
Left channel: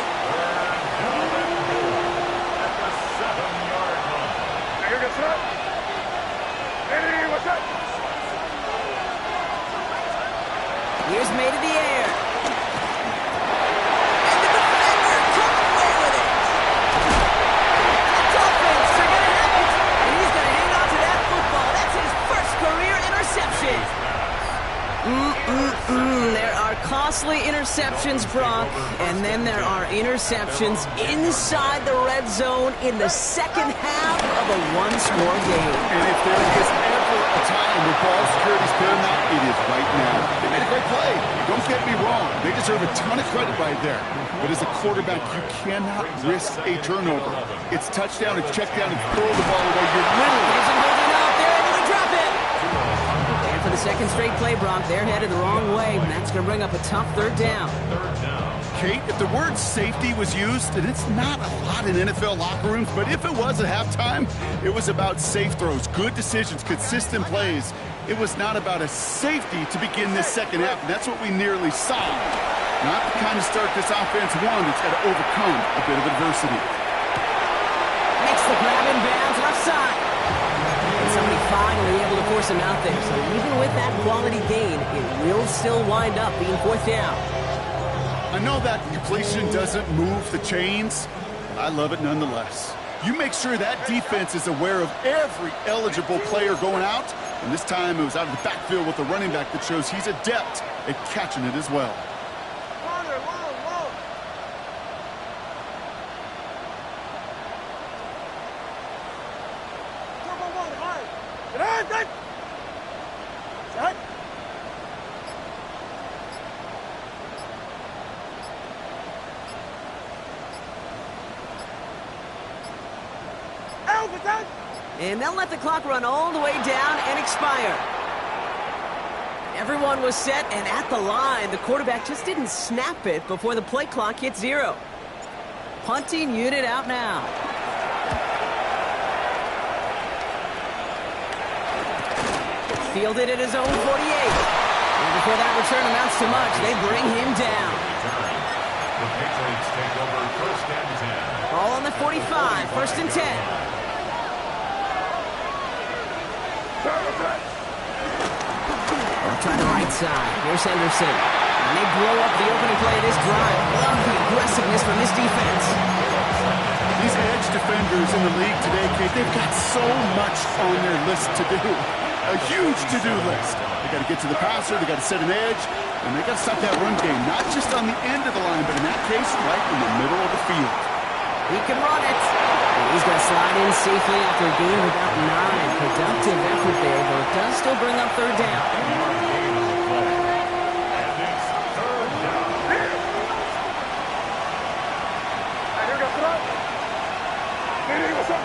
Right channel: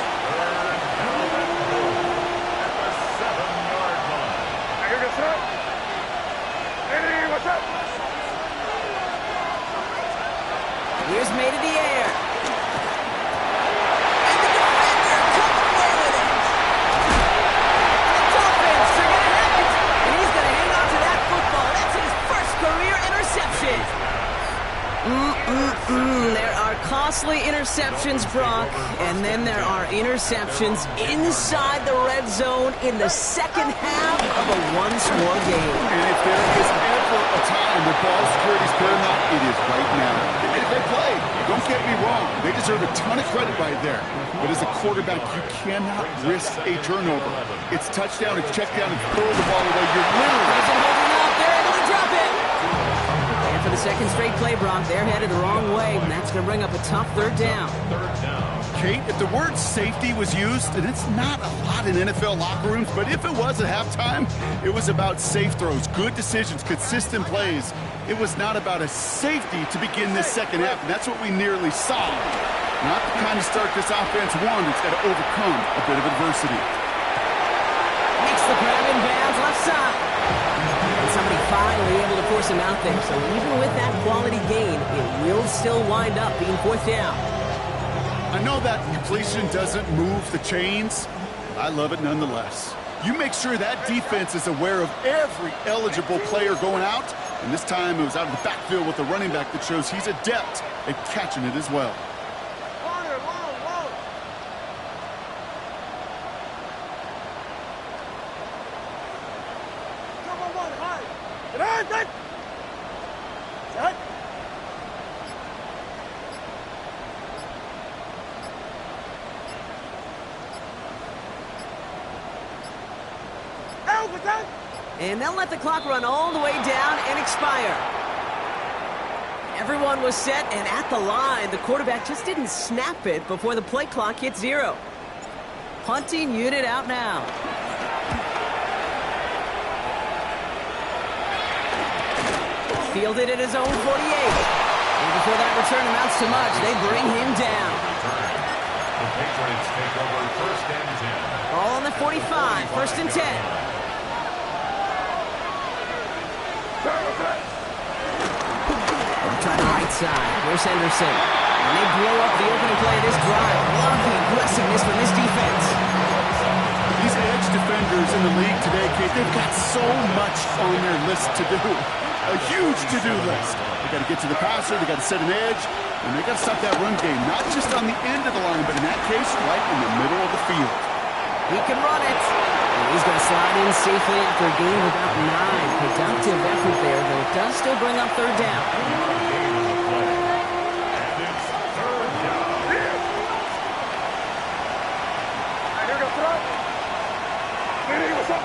Here's May to the air. And the defender coming away with it. And the Dolphins are going to have it. And he's going to hang on to that football. That's his first career interception. There are costly interceptions, Brock, and then there are interceptions inside the red zone in the second half of a one-score game. And if there is ever a time where ball security is paramount, it is right now. They made a great play. Don't get me wrong. They deserve a ton of credit right there. But as a quarterback, you cannot risk a turnover. It's touchdown, it's check down, it's throw the ball away. You're literally... Isn't holding up. They're able to drop it. And for the second straight play, Brock, they're headed the wrong way, and that's going to bring up a tough 3rd down. Kate, if the word safety was used, and it's not a lot in NFL locker rooms, but if it was at halftime, it was about safe throws, good decisions, consistent plays. It was not about a safety to begin this second half, and that's what we nearly saw. Not the kind of start this offense won. It's got to overcome a bit of adversity. Makes the grab in bounds, left side. And somebody finally able to force him out there. So even with that quality gain, it will still wind up being 4th down. I know that completion doesn't move the chains, but I love it nonetheless. You make sure that defense is aware of every eligible player going out, and this time it was out of the backfield with a running back that shows he's adept at catching it as well. Longer, long. Turbo 1, high. Get on, set. Set. And they'll let the clock run all the way down and expire. Everyone was set and at the line. The quarterback just didn't snap it before the play clock hit 0. Punting unit out now. Fielded at his own 48. And before that return amounts to much, they bring him down. The Patriots take over 1st and 10. Ball on the 45, 1st and 10. They'll try the right side. Here's Henderson. And they blow up the opening play of this drive. Love the aggressiveness from this defense. These edge defenders in the league today, Kate, they've got so much on their list to do. A huge to-do list. They got to get to the passer, they got to set an edge, and they got to stop that run game, not just on the end of the line, but in that case, right in the middle of the field. He can run it. And he's going to slide in safely after a gain of about 9. Productive effort there, though it does still bring up 3rd down. And it's 3rd down. What's up?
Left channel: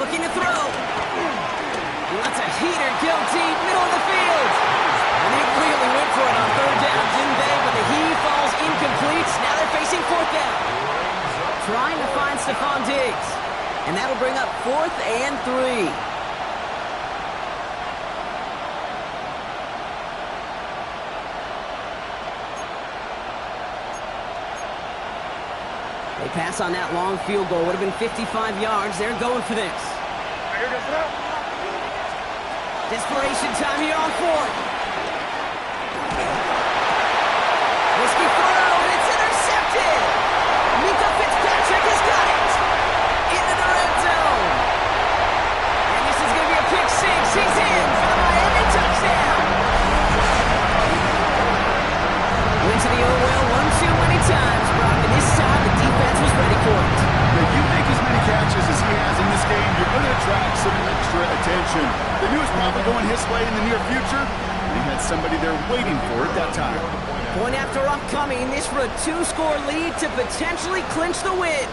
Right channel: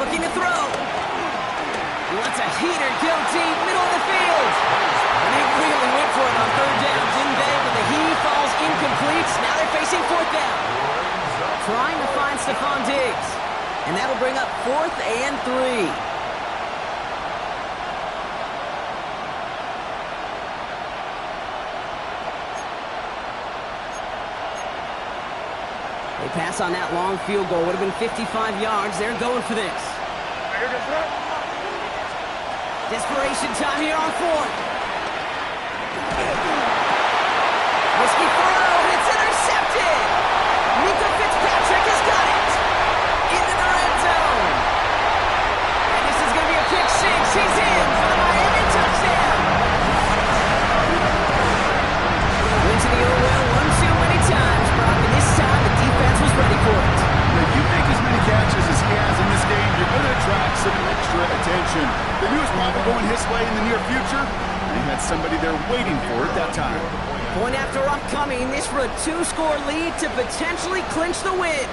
Looking to throw. He lets a heater go deep, middle of the field. And they really went for it on 3rd down, didn't they? But the heave falls incomplete. Now they're facing 4th down. Trying to find Stephon Diggs. And that'll bring up 4th and 3. They pass on that long field goal. Would have been 55 yards. They're going for this. Desperation time here on 4th. Risky throw. It's intercepted. Minka Fitzpatrick has got it. Into the red zone. And this is going to be a pick 6. He's in for the Miami touchdown. Went to the old well 1-2 many times, Brock, and this time the defense was ready for it. If you make as many catches as he has in this game, you're going to attract some extra attention. The news probably going his way in the near future. They had somebody there waiting for it that time. Point after upcoming, this for a 2-score lead to potentially clinch the win.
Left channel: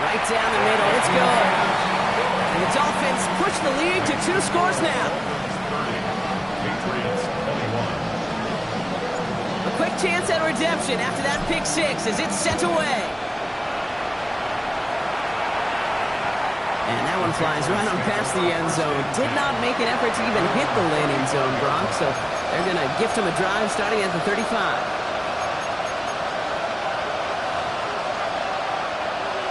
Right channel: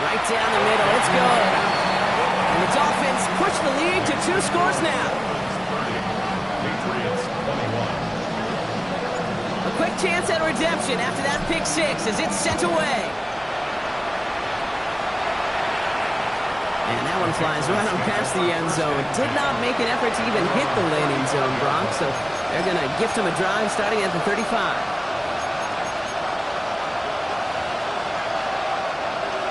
Right down the middle, it's good. And the Dolphins push the lead to 2 scores now. Patriots 21. A quick chance at redemption after that pick 6 as it's sent away. And that one flies right on past the end zone. Did not make an effort to even hit the landing zone, Brock, so they're going to gift him a drive starting at the 35.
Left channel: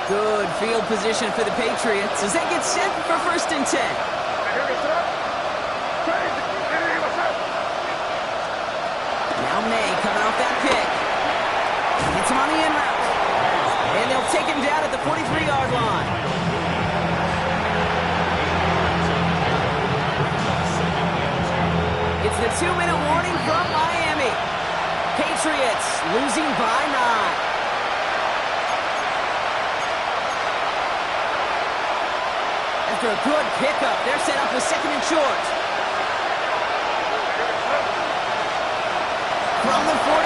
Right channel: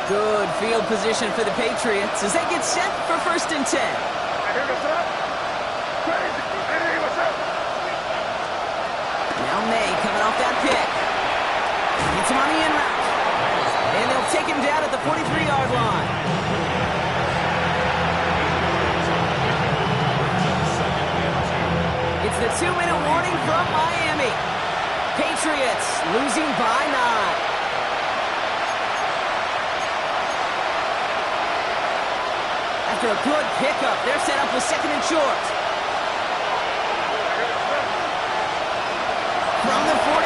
Good field position for the Patriots as they get set for 1st and 10. Now May coming off that pick. Gets him on the in route. And they'll take him down at the 43-yard line. It's the 2-minute warning from Miami. Patriots losing by 9. After a good pickup, they're set up with 2nd and short. From the 43.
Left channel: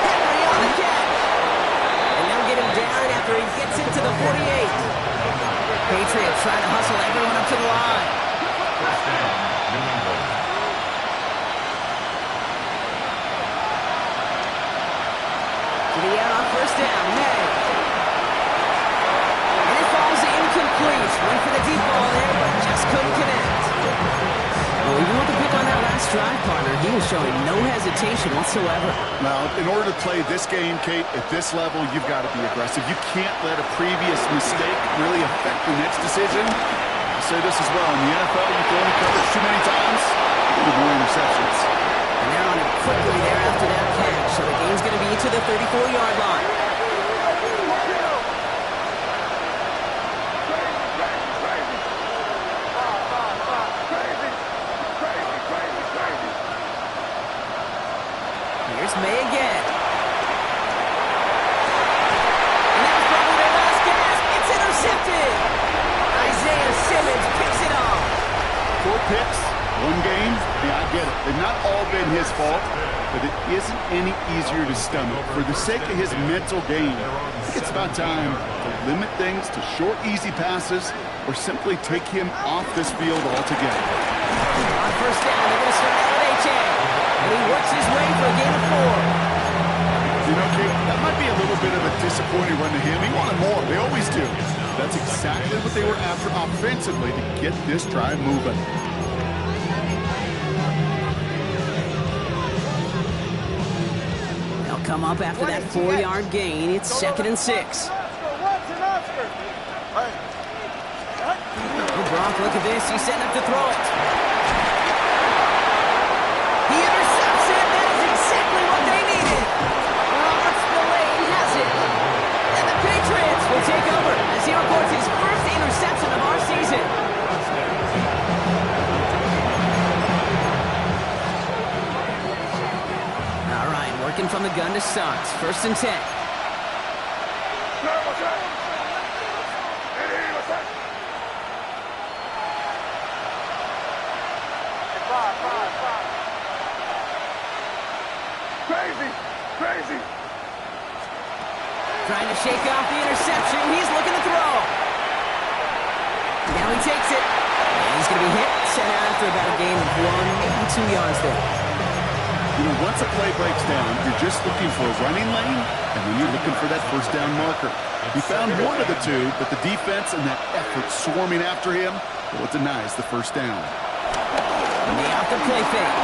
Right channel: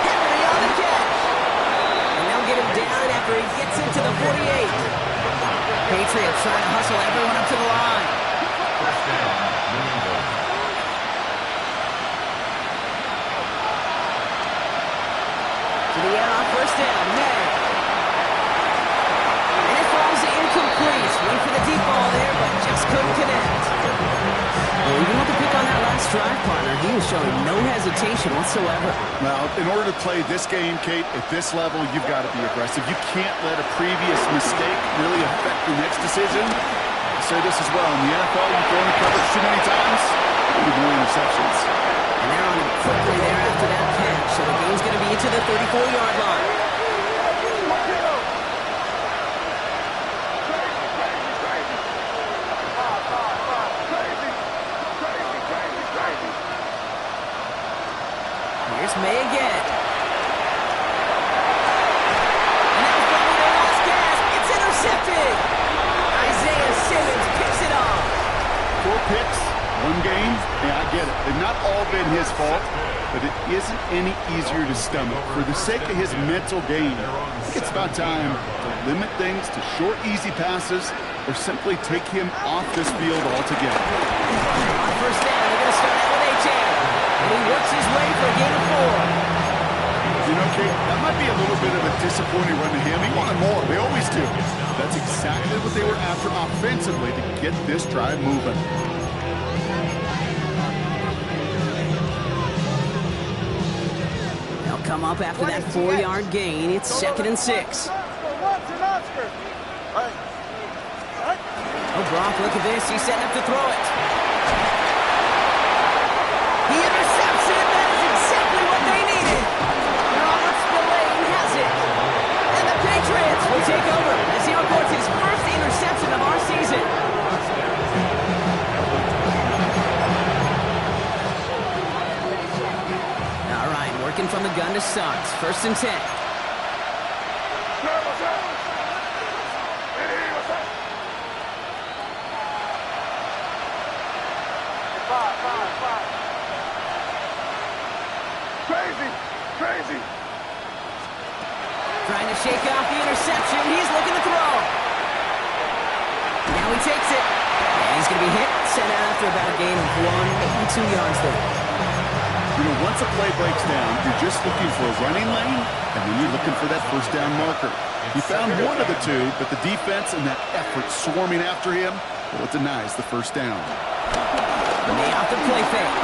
Henry on the catch. And they'll get him down after he gets into the 48. Patriots trying to hustle everyone up to the line. First down, New England. To the air on 1st down, May. And it falls incomplete. Went for the deep ball there, but just couldn't connect. Well, even with the pick on that last drive, partner, he was showing no hesitation whatsoever. Well, in order to play this game, Kate, at this level, you've got to be aggressive. You can't let a previous mistake really affect your next decision. I'll say this as well. In the NFL, you throw the coverage too many times, there'll be more interceptions. And they're on him quickly there after that catch, so the game's going to be to the 34-yard line. Here's May again. And that was probably their last gasp. It's intercepted. Isaiah Simmons picks it off. 4 picks, 1 game. Yeah, I get it. They've not all been his fault, but it isn't any easier to stomach. For the sake of his mental game, I think it's about time to limit things to short, easy passes or simply take him off this field altogether. On 1st down, they're going to start out with H.A. And he works his way for a gain of 4. You know, Kate, that might be a little bit of a disappointing run to him. He wanted more. They always do. That's exactly what they were after offensively to get this drive moving. They'll come up after that 4-yard gain. It's 2nd and 6. Oh, Brock, look at this. He's setting up to throw it. He intercepts it. That is exactly what they needed. Robert Spillane has it. And the Patriots will take over as he records his first interception of our season. All right, working from the gun to start. 1st and 10. Crazy. Trying to shake off the interception. He's looking to throw. Now he takes it. And he's going to be hit. Sent out after about a gain of 1, maybe 2 yards there. You know, once a play breaks down, you're just looking for a running lane, and then you're looking for that 1st down marker. He found one of the two, but the defense and that effort swarming after him, well, it denies the 1st down. And they off the play fake.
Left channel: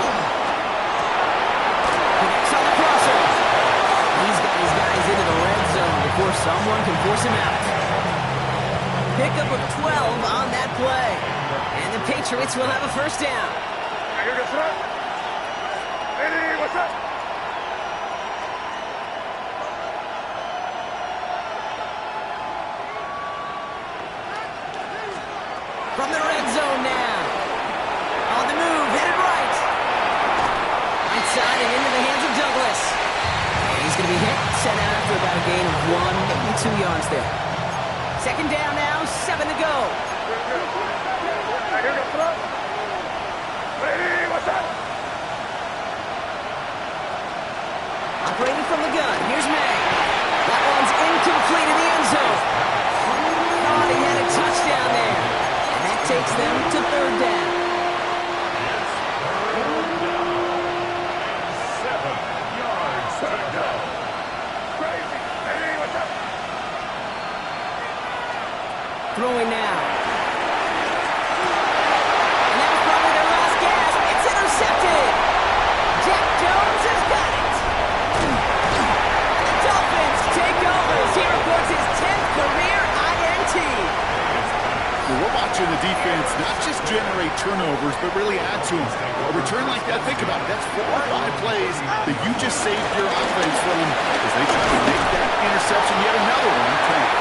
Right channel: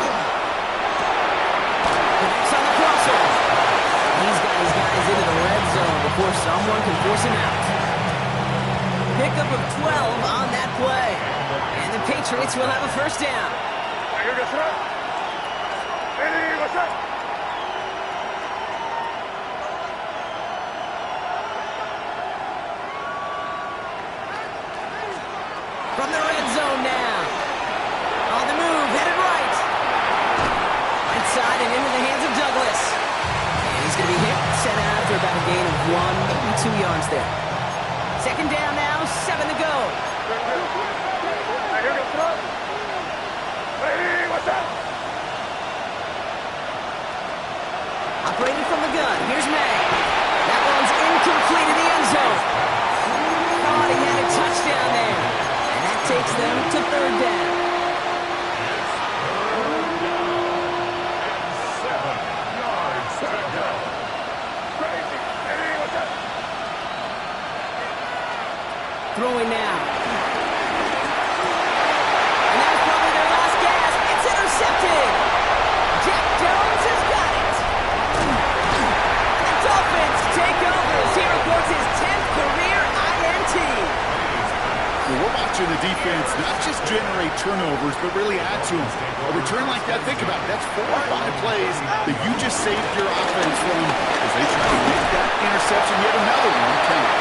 Connects on the crosser. He's got his guys into the red zone before someone can force him out. Pickup of 12 on that play. And the Patriots will have a 1st down. From the red zone now. On the move, headed right. Right side and into the hands of Douglas. And he's going to be hit, sent out after about a gain of 1, maybe 2 yards there. Second down now, 7 to go. Right here, go throw. Ready, what's that? Operating from the gun, here's May. That one's incomplete in the end zone. Thought he had a touchdown there. And that takes them to third down. It's third down and 7 yards to go. Crazy. Ready, what's that? Throwing now. And that was probably their last gasp. It's intercepted. Jack Jones has got it. And the Dolphins take over as he reports his 10th career INT. Well, we're watching the defense not just generate turnovers, but really add to them. A return like that, think about it. That's 4 or 5 plays that you just saved your offense from as they try to make that interception. Yet another one count.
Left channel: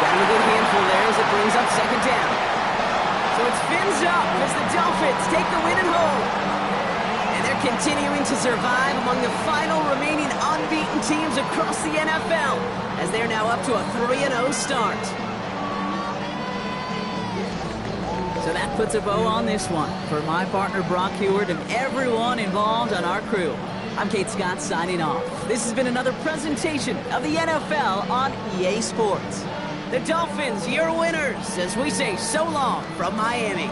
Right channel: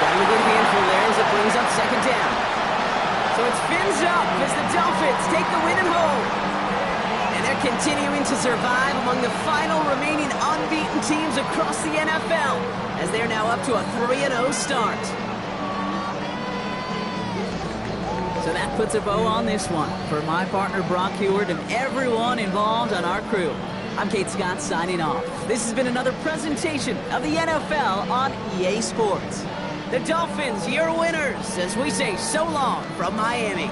Got him a good handful there as it brings up second down. So it's fins up as the Dolphins take the win at home. And they're continuing to survive among the final remaining unbeaten teams across the NFL as they're now up to a 3-0 start. So that puts a bow on this one. For my partner Brock Heward and everyone involved on our crew, I'm Kate Scott signing off. This has been another presentation of the NFL on EA Sports. The Dolphins, your winners, as we say so long from Miami.